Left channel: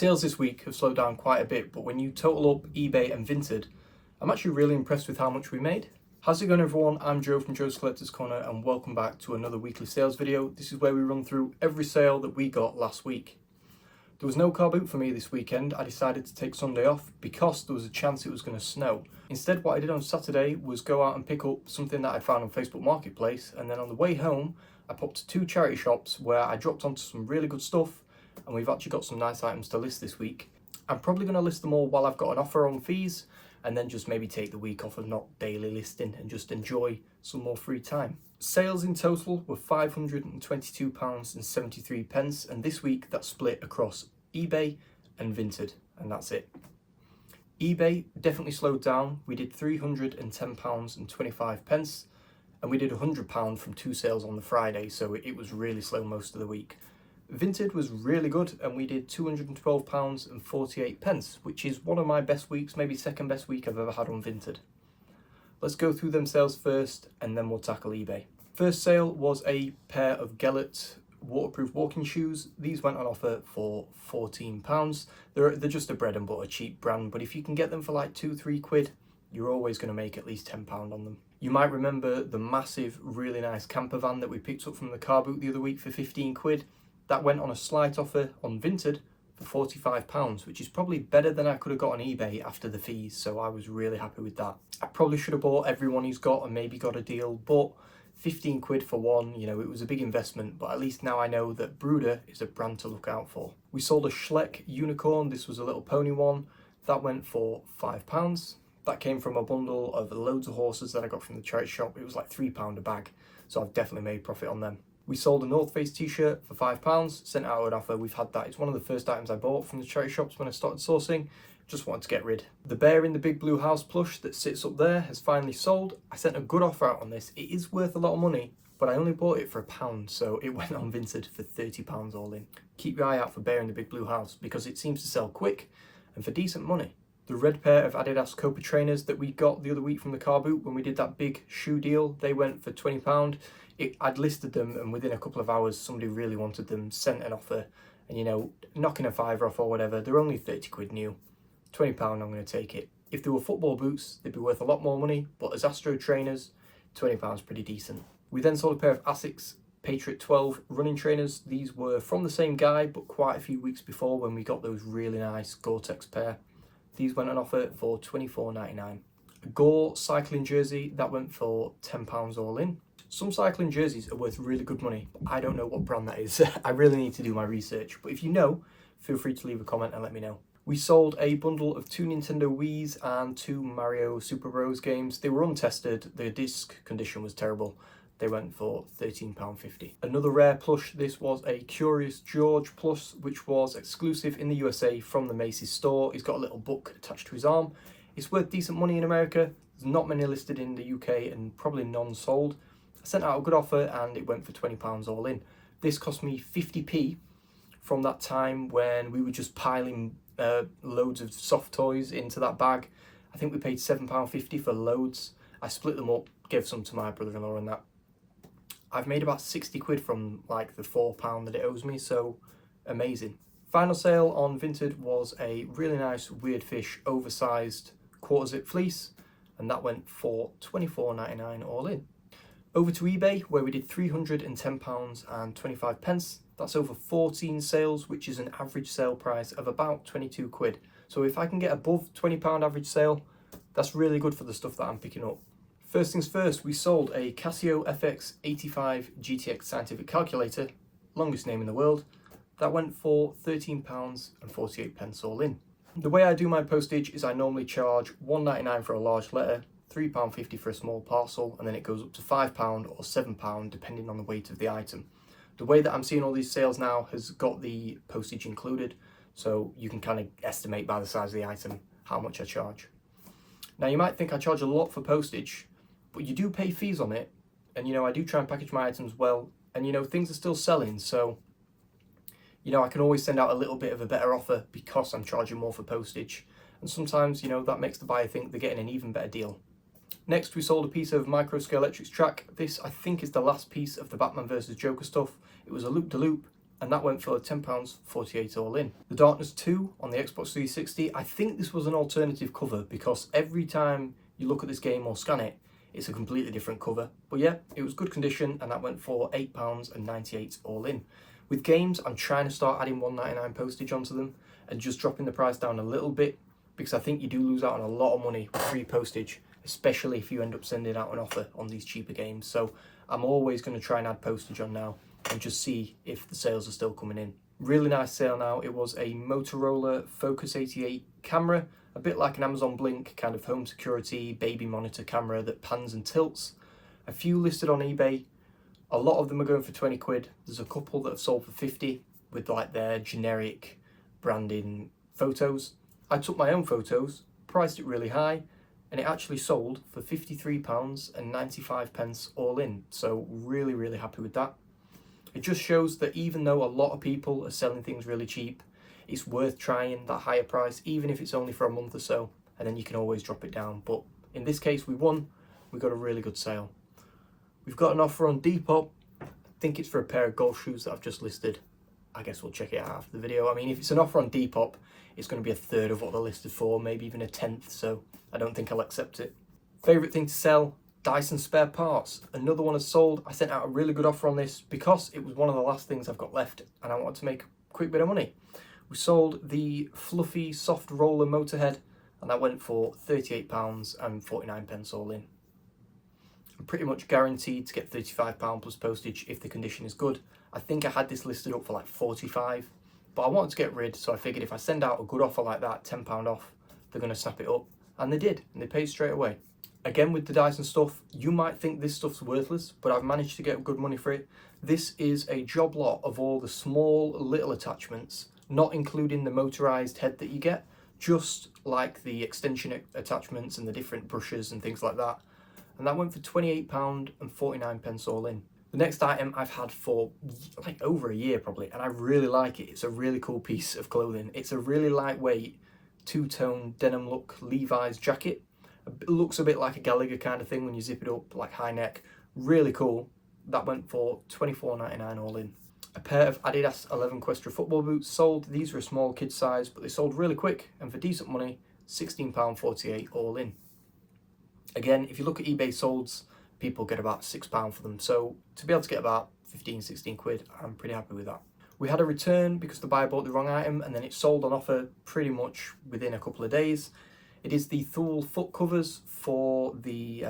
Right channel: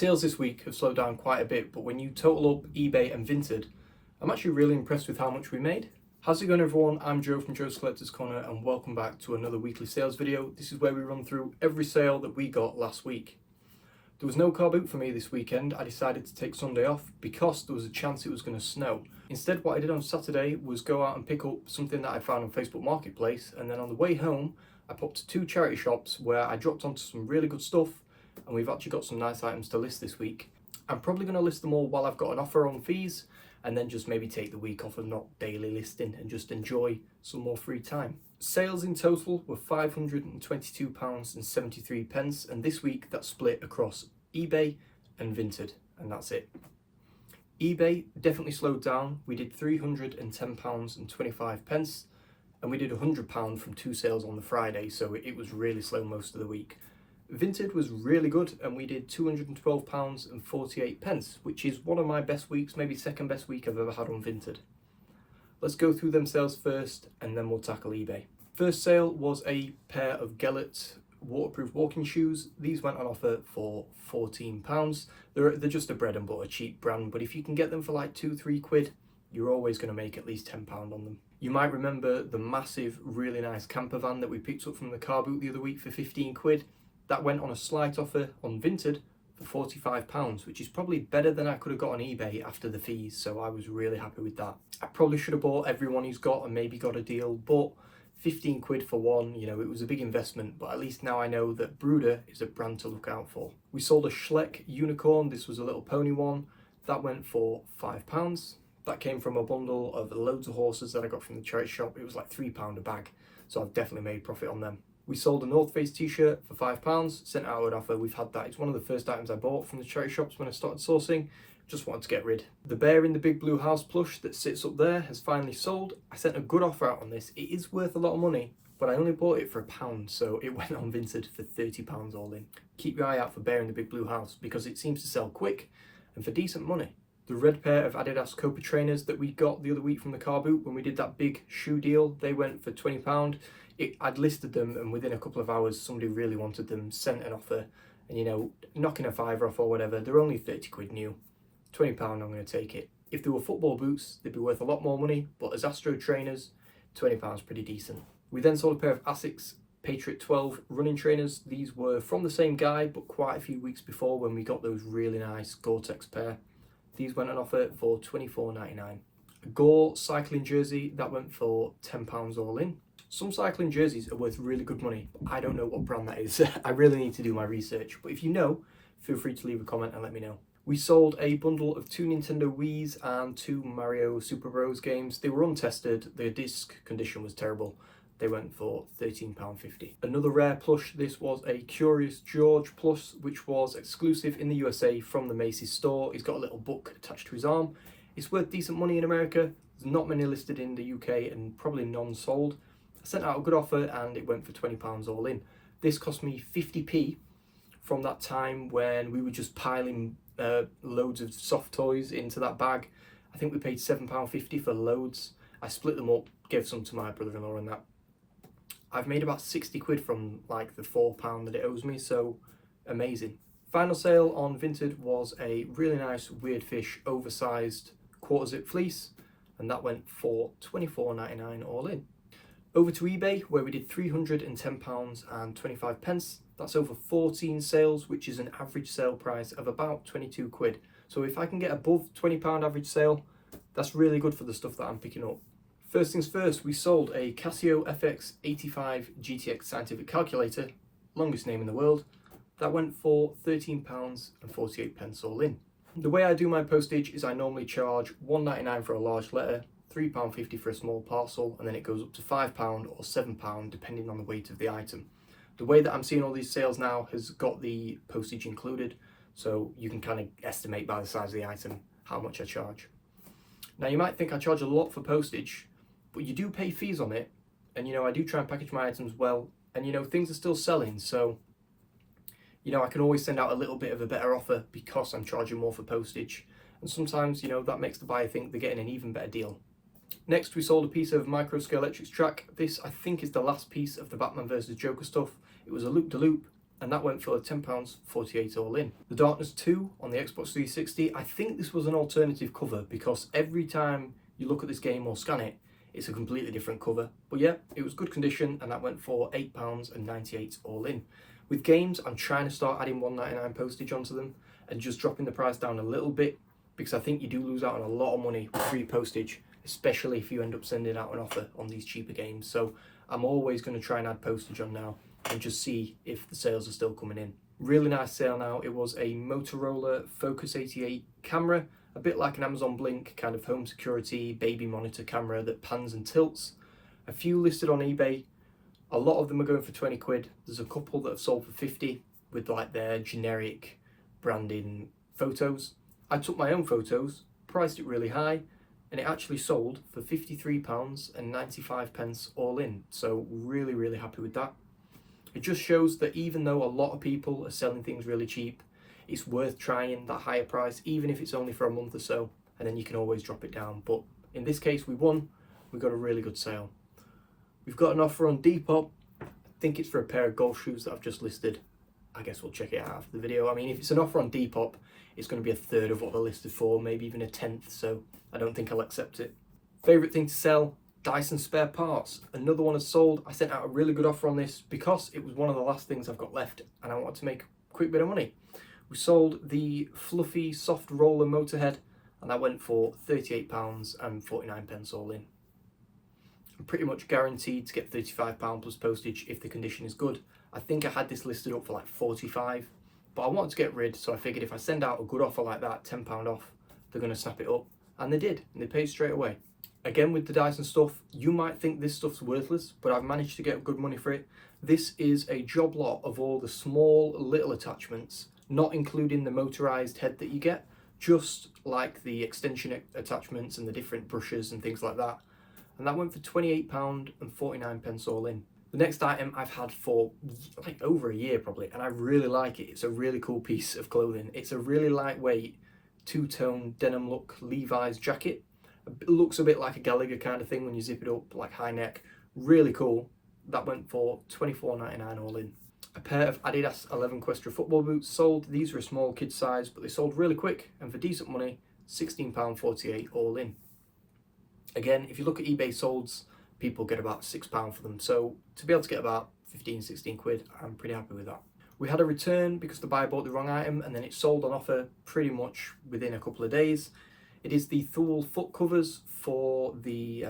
Sales this week have slowed down quite a bit, but when you total up eBay and Vinted, I'm actually really impressed with how much we made. How's it going, everyone? I'm Joe from Joe's Collector's Corner and welcome back to another weekly sales video. This is where we run through every sale that we got last week. There was no car boot for me this weekend. I decided to take Sunday off because there was a chance it was going to snow. Instead, what I did on Saturday was go out and pick up something that I found on Facebook Marketplace, and then on the way home I popped to two charity shops where I dropped onto some really good stuff, and we've actually got some nice items to list this week. I'm probably going to list them all while I've got an offer on fees, and then just maybe take the week off of not daily listing and just enjoy some more free time. Sales in total were £522.73, and this week that's split across eBay and Vinted, and that's it. eBay definitely slowed down. We did £310.25, and we did £100 from two sales on the Friday, so it was really slow most of the week. Vinted was really good, and we did £212.48, which is one of my best weeks, maybe second best week I've ever had on Vinted. Let's go through them sales first, and then we'll tackle eBay. First sale was a pair of Gellert waterproof walking shoes. These went on offer for £14. They're just a bread and butter cheap brand, but if you can get them for like £2-3, you're always going to make at least £10 on them. You might remember the massive, really nice camper van that we picked up from the car boot the other week for £15. That went on a slight offer on Vinted for £45, which is probably better than I could have got on eBay after the fees, so I was really happy with that. I probably should have bought everyone he's got and maybe got a deal, but £15 for one, it was a big investment, but at least now I know that Bruder is a brand to look out for. We sold a Schleck unicorn. This was a little pony one. That went for £5. That came from a bundle of loads of horses that I got from the charity shop. It was like £3 a bag, so I've definitely made profit on them. We sold a North Face t-shirt for £5, sent out an offer. We've had that. It's one of the first items I bought from the charity shops when I started sourcing. Just wanted to get rid. The bear in the big blue house plush that sits up there has finally sold. I sent a good offer out on this. It is worth a lot of money, but I only bought it for £1, so it went on Vinted for £30 all in. Keep your eye out for bear in the big blue house because it seems to sell quick and for decent money. The red pair of Adidas Copa trainers that we got the other week from the car boot when we did that big shoe deal, they went for £20. I'd listed them, and within a couple of hours somebody really wanted them, sent an offer, and knocking a fiver off or whatever. They're only £30 new. £20, I'm going to take it. If they were football boots, they'd be worth a lot more money, but as Astro trainers, £20 pretty decent. We then sold a pair of Asics Patriot 12 running trainers. These were from the same guy, but quite a few weeks before when we got those really nice Gore-Tex pair. These went on offer for £24.99. A Gore cycling jersey, that went for £10 all in. Some cycling jerseys are worth really good money, but I don't know what brand that is. I really need to do my research, but if you know, feel free to leave a comment and let me know. We sold a bundle of 2 Nintendo Wiis and 2 Mario Super Bros games. They were untested, the disc condition was terrible. They went for £13.50. Another rare plush, this was a Curious George plush, which was exclusive in the USA from the Macy's store. He's got a little book attached to his arm. It's worth decent money in America. There's not many listed in the UK and probably none sold. I sent out a good offer and it went for £20 all in. This cost me 50p from that time when we were just piling loads of soft toys into that bag. I think we paid £7.50 for loads. I split them up, gave some to my brother-in-law and that. I've made about £60 from like the £4 that it owes me, so amazing. Final sale on Vinted was a really nice Weird Fish oversized quarter zip fleece, and that went for £24.99 all in. Over to eBay, where we did £310.25. That's over 14 sales, which is an average sale price of about £22. So if I can get above £20 average sale, that's really good for the stuff that I'm picking up. First things first, we sold a Casio FX85 GTX scientific calculator, longest name in the world. That went for £13.48 all in. The way I do my postage is I normally charge £1.99 for a large letter, £3.50 for a small parcel, and then it goes up to £5 or £7 depending on the weight of the item. The way that I'm seeing all these sales now has got the postage included, so you can kind of estimate by the size of the item how much I charge. Now you might think I charge a lot for postage, but you do pay fees on it, and I do try and package my items well, and things are still selling, so I can always send out a little bit of a better offer because I'm charging more for postage, and sometimes that makes the buyer think they're getting an even better deal. Next, we sold a piece of micro-scale electrics track. This, I think, is the last piece of the Batman vs Joker stuff. It was a loop-de-loop. and that went for £10.48 all in. The Darkness 2 on the Xbox 360, I think this was an alternative cover because every time you look at this game or scan it, it's a completely different cover. But yeah, it was good condition, and that went for £8.98 all in. With games, I'm trying to start adding £1.99 postage onto them and just dropping the price down a little bit, because I think you do lose out on a lot of money with free postage, especially if you end up sending out an offer on these cheaper games. So I'm always going to try and add postage on now and just see if the sales are still coming in. Really nice sale now. It was a Motorola Focus 88 camera, a bit like an Amazon Blink kind of home security baby monitor camera that pans and tilts. A few listed on eBay. A lot of them are going for 20 quid. There's a couple that have sold for 50 with like their generic branding photos. I took my own photos, priced it really high, and it actually sold for £53.95 all in. So really, really happy with that. It just shows that even though a lot of people are selling things really cheap, it's worth trying that higher price, even if it's only for a month or so, and then you can always drop it down. But in this case, we won. We got a really good sale. We've got an offer on Depop. I think it's for a pair of golf shoes that I've just listed. I guess we'll check it out after the video. I mean, if it's an offer on Depop, it's going to be a third of what they're listed for, maybe even a tenth, so I don't think I'll accept it. Favourite thing to sell? Dyson spare parts. Another one has sold. I sent out a really good offer on this because it was one of the last things I've got left and I wanted to make a quick bit of money. We sold the fluffy soft roller motorhead, and that went for £38.49 all in. I'm pretty much guaranteed to get £35 plus postage if the condition is good. I think I had this listed up for like 45, but I wanted to get rid, so I figured if I send out a good offer like that, £10 off, they're going to snap it up. And they did, and they paid straight away. Again, with the Dyson stuff, you might think this stuff's worthless, but I've managed to get good money for it. This is a job lot of all the small little attachments, not including the motorized head that you get, just like the extension attachments and the different brushes and things like that. And that went for £28.49 all in. The next item I've had for like over a year probably, and I really like it. It's a really cool piece of clothing. It's a really lightweight two-tone denim look Levi's jacket. It looks a bit like a Gallagher kind of thing when you zip it up, like high neck. Really cool. That went for £24.99 all in. A pair of Adidas 11 Questra football boots sold. These are a small kid size, but they sold really quick, and for decent money, £16.48 all in. Again, if you look at eBay solds, people get about £6 for them. So to be able to get about 15, 16 quid, I'm pretty happy with that. We had a return because the buyer bought the wrong item, and then it sold on offer pretty much within a couple of days. It is the Thule foot covers for the,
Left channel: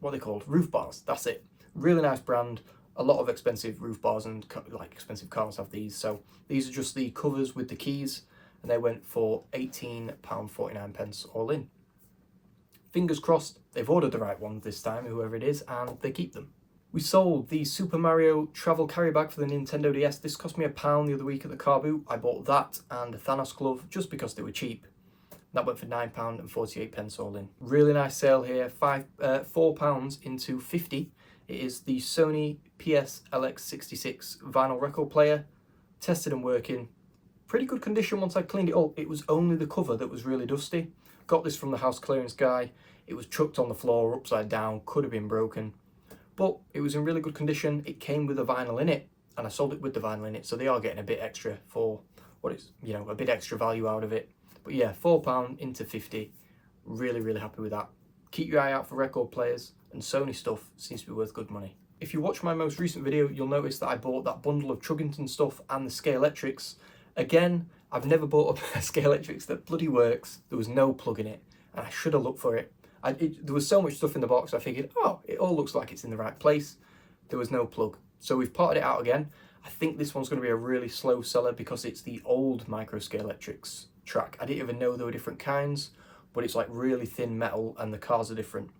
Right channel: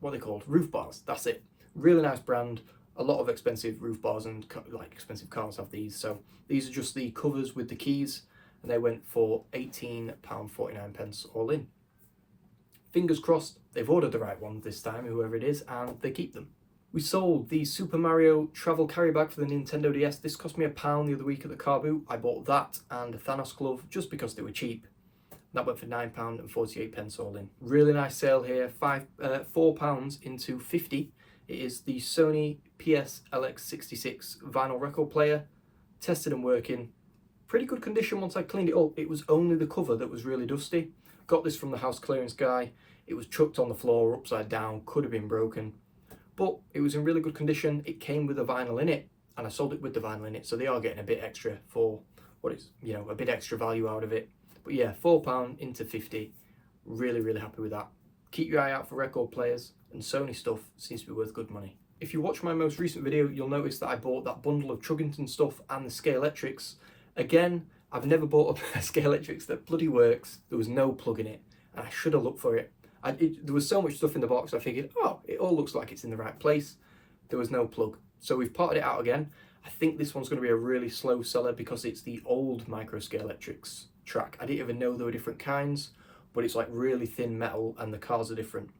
what are they called? Roof bars, that's it. Really nice brand. A lot of expensive roof bars and like expensive cars have these. So these are just the covers with the keys, and they went for £18.49 all in. Fingers crossed they've ordered the right ones this time, whoever it is, and they keep them. We sold the Super Mario travel carry bag for the Nintendo DS. This cost me £1 the other week at the car boot. I bought that and a Thanos glove just because they were cheap. That went for £9.48 all in. Really nice sale here, £4 into 50. It is the Sony PS-LX66 vinyl record player. Tested and working. Pretty good condition once I cleaned it up. It was only the cover that was really dusty. Got this from the house clearance guy. It was chucked on the floor upside down, could have been broken. But it was in really good condition. It came with a vinyl in it, and I sold it with the vinyl in it, so they are getting a bit extra for what is, a bit extra value out of it. But yeah, £4 into 50. Really, really happy with that. Keep your eye out for record players, and Sony stuff seems to be worth good money. If you watch my most recent video, you'll notice that I bought that bundle of Chuggington stuff and the Scalextrics. Again, I've never bought a Scalextrics that bloody works. There was no plug in it, and I should have looked for it. There was so much stuff in the box, I figured, oh, it all looks like it's in the right place. There was no plug. So we've parted it out again. I think this one's going to be a really slow seller because it's the old micro Scalextrics track. I didn't even know there were different kinds, but it's like really thin metal and the cars are different.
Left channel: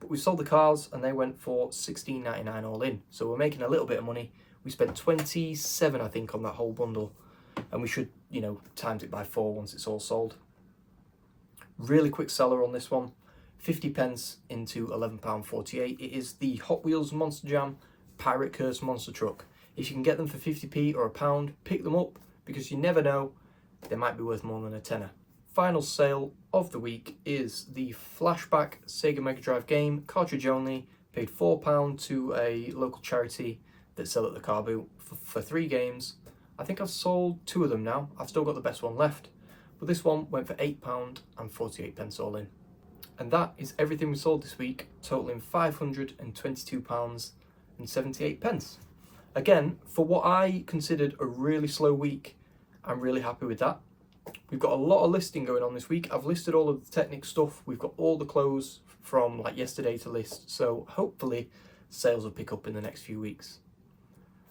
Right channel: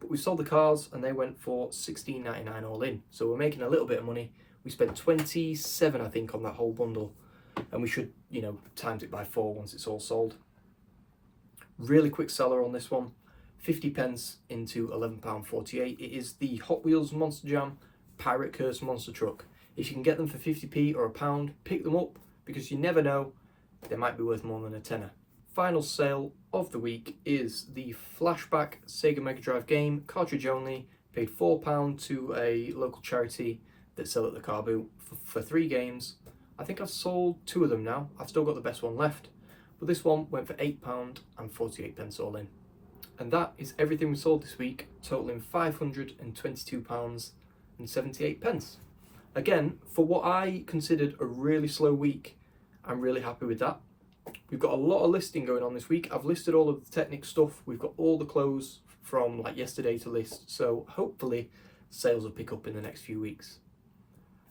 But we sold the cars and they went for £16.99 all in. So we're making a little bit of money. We spent 27, I think, on that whole bundle. And we should, times it by 4 once it's all sold. Really quick seller on this one. 50p into £11.48. It is the Hot Wheels Monster Jam Pirate Curse monster truck. If you can get them for 50p or £1, pick them up because you never know, they might be worth more than a tenner. Final sale of the week is the Flashback Sega Mega Drive game, cartridge only. Paid £4 to a local charity that sell at the car boot for 3 games. I think I've sold 2 of them now. I've still got the best one left, but this one went for £8.48 all in. And that is everything we sold this week, totaling £522.78. Again, for what I considered a really slow week, I'm really happy with that. We've got a lot of listing going on this week. I've listed all of the Technic stuff. We've got all the clothes from like yesterday to list. So hopefully sales will pick up in the next few weeks.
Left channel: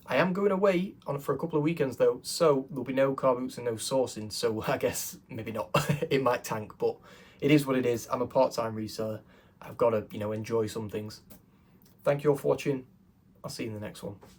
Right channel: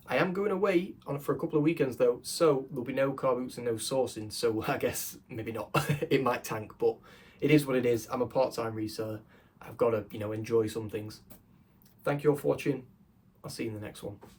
I am going away for a couple of weekends though, so there'll be no car boots and no sourcing. So I guess maybe not. It might tank, but it is what it is. I'm a part-time reseller. I've got to, enjoy some things. Thank you all for watching. I'll see you in the next one.